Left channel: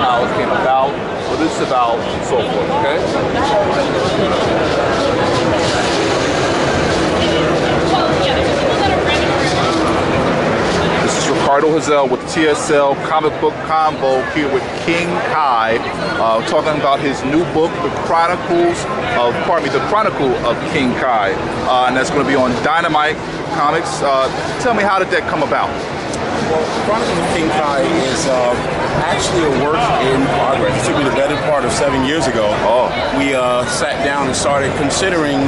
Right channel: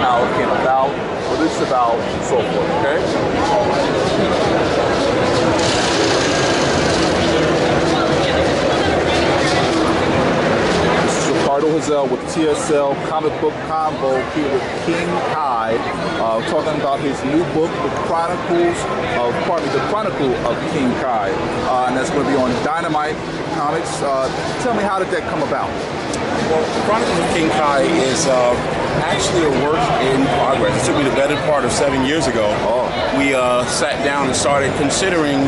how it came about, what it's about, and so forth, okay? This is Ricardo Hazell with TSL Comic Book Convo here with King Kai, talking about his new book, The Chronicle of King Kai, and that's going to be on Dynamite Comics. Tell me, how did that come about? Well, Chronicles of King Kai is actually a work in progress. It took me the better part of 7 years ago. We sat down and started considering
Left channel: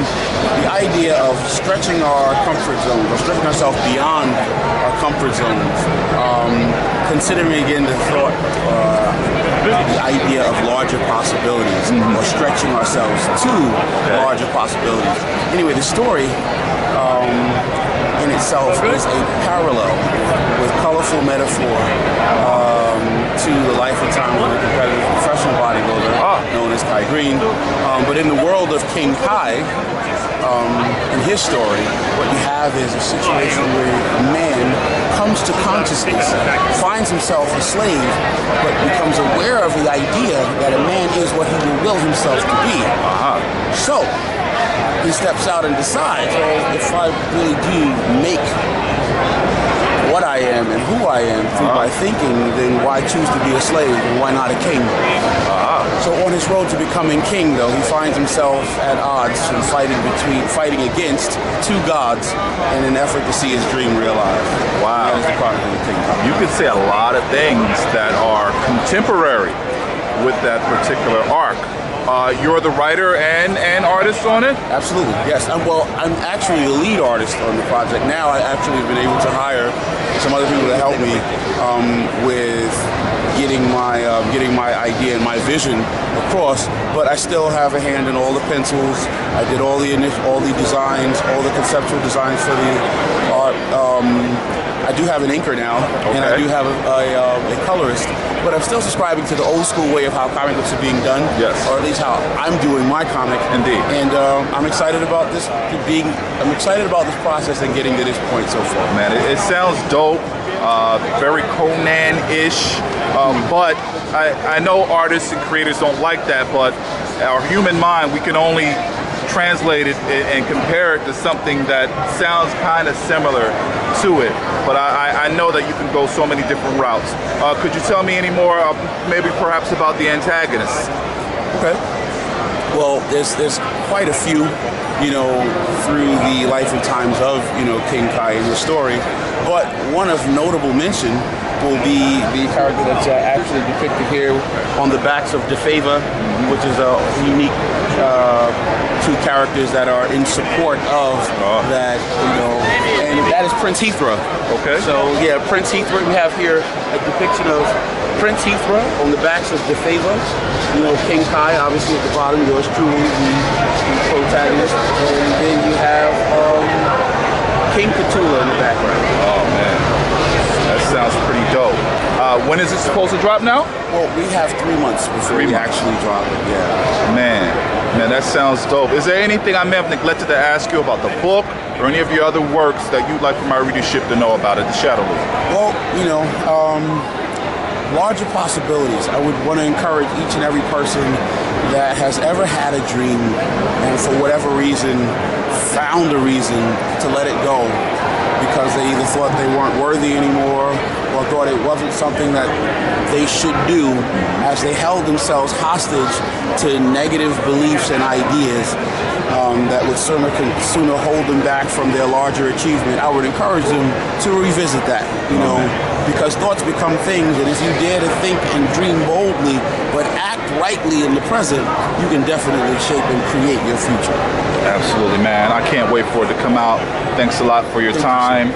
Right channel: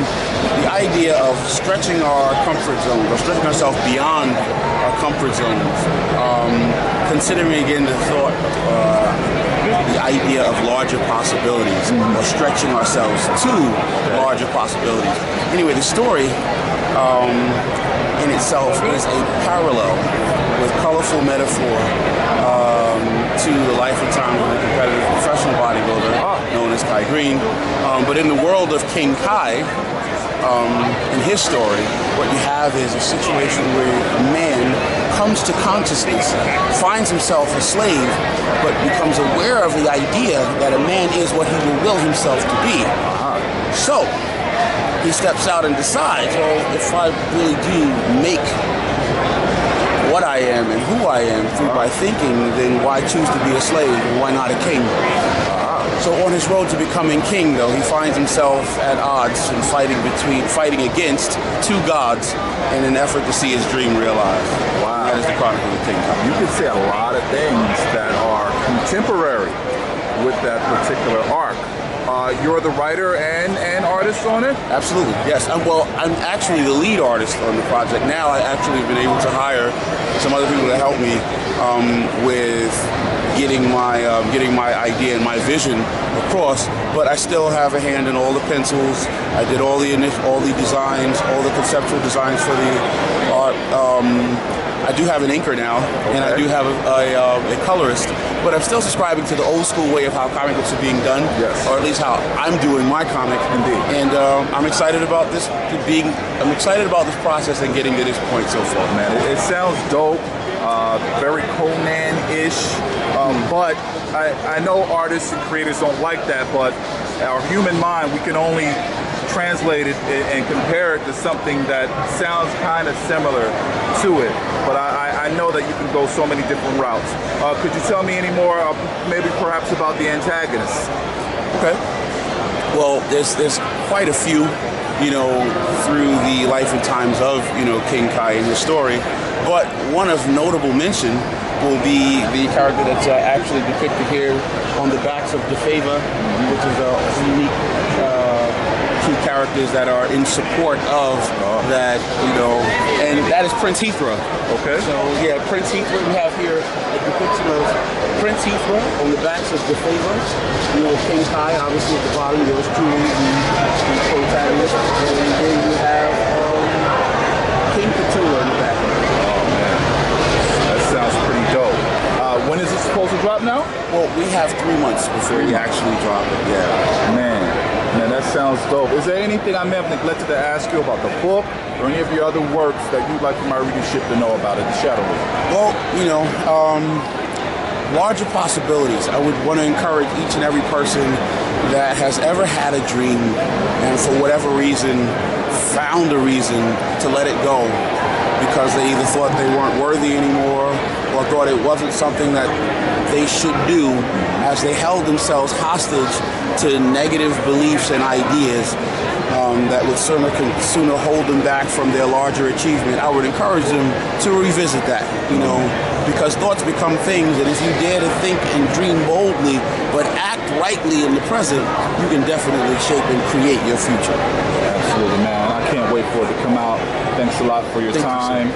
the idea of stretching our comfort zones, or stretching ourselves beyond our comfort zones. Considering again the thought, the idea of larger possibilities, or stretching ourselves to larger possibilities. Anyway, the story in itself is a parallel with colorful metaphor to the life and times of a competitive professional bodybuilder known as Greene. But in the world of King Kai, in his story, what you have is a situation where a man comes to consciousness, finds himself a slave, but becomes aware of the idea that a man is what he will himself to be. So he steps out and decides, well, if I really do make what I am and who I am through my thinking, then why choose to be a slave, and why not a king? So on his road to becoming king, though, he finds himself at odds and fighting against two gods in an effort to see his dream realized. Wow. That is the Chronicle of King Kai. You could say a lot of things that are contemporary with that particular arc. You're the writer and artist on it? Absolutely, yes. Well, I'm actually the lead artist on the project. Now I actually have been able to hire some other people to help me with getting my idea and my vision across, but I still have a hand in all the pencils. I did all the designs, all the conceptual designs for the art. I do have an inker now, and I do have a colorist, but I'm still subscribing to the old school way of how comic books are being done, or at least how I'm doing my comic. Indeed. And I'm excited about this I'm excited about this process and getting to this point so far. Man, it sounds dope. Very Conan-ish, but I know artists and creators don't like that, but our human mind, we can only translate it and compare it to something that sounds kind of similar to it, but I know that you can go so many different routes. Could you tell me any more, maybe perhaps about the antagonists? Okay. Well, there's quite a few, you know, through the life and times of, you know, King Kai and his story, but one of notable mention will be the character that's actually depicted here on the backs of DeFava, which is a unique two characters that are in support of that, you know, and that is Prince Heathrow. Okay. So yeah, Prince Heathrow, we have here a depiction of Prince Heathrow on the backs of DeFava. You know, King Kai, obviously at the bottom, yours truly, the protagonist, and then you have King Cthulhu in the background. Oh man, that sounds pretty dope. When is it supposed to drop now? Well, we have 3 months before we actually drop it, yeah. Man, that sounds dope. Is there anything I may have neglected to ask you about the book or any of your other works that you'd like for my readership to know about at the Shadow Loop? Well, you know, larger possibilities. I would want to encourage each and every person that has ever had a dream and for whatever reason found a reason to let it go because they either thought they weren't worthy anymore or thought it wasn't something that they should do, as they held themselves hostage to negative beliefs and ideas that would sooner hold them back from their larger achievement. I would encourage them to revisit that, you know, because thoughts become things, and if you dare to think and dream boldly but act rightly in the present, you can definitely shape and create your future. Absolutely, man. I can't wait for it to come out. Thanks a lot for your time.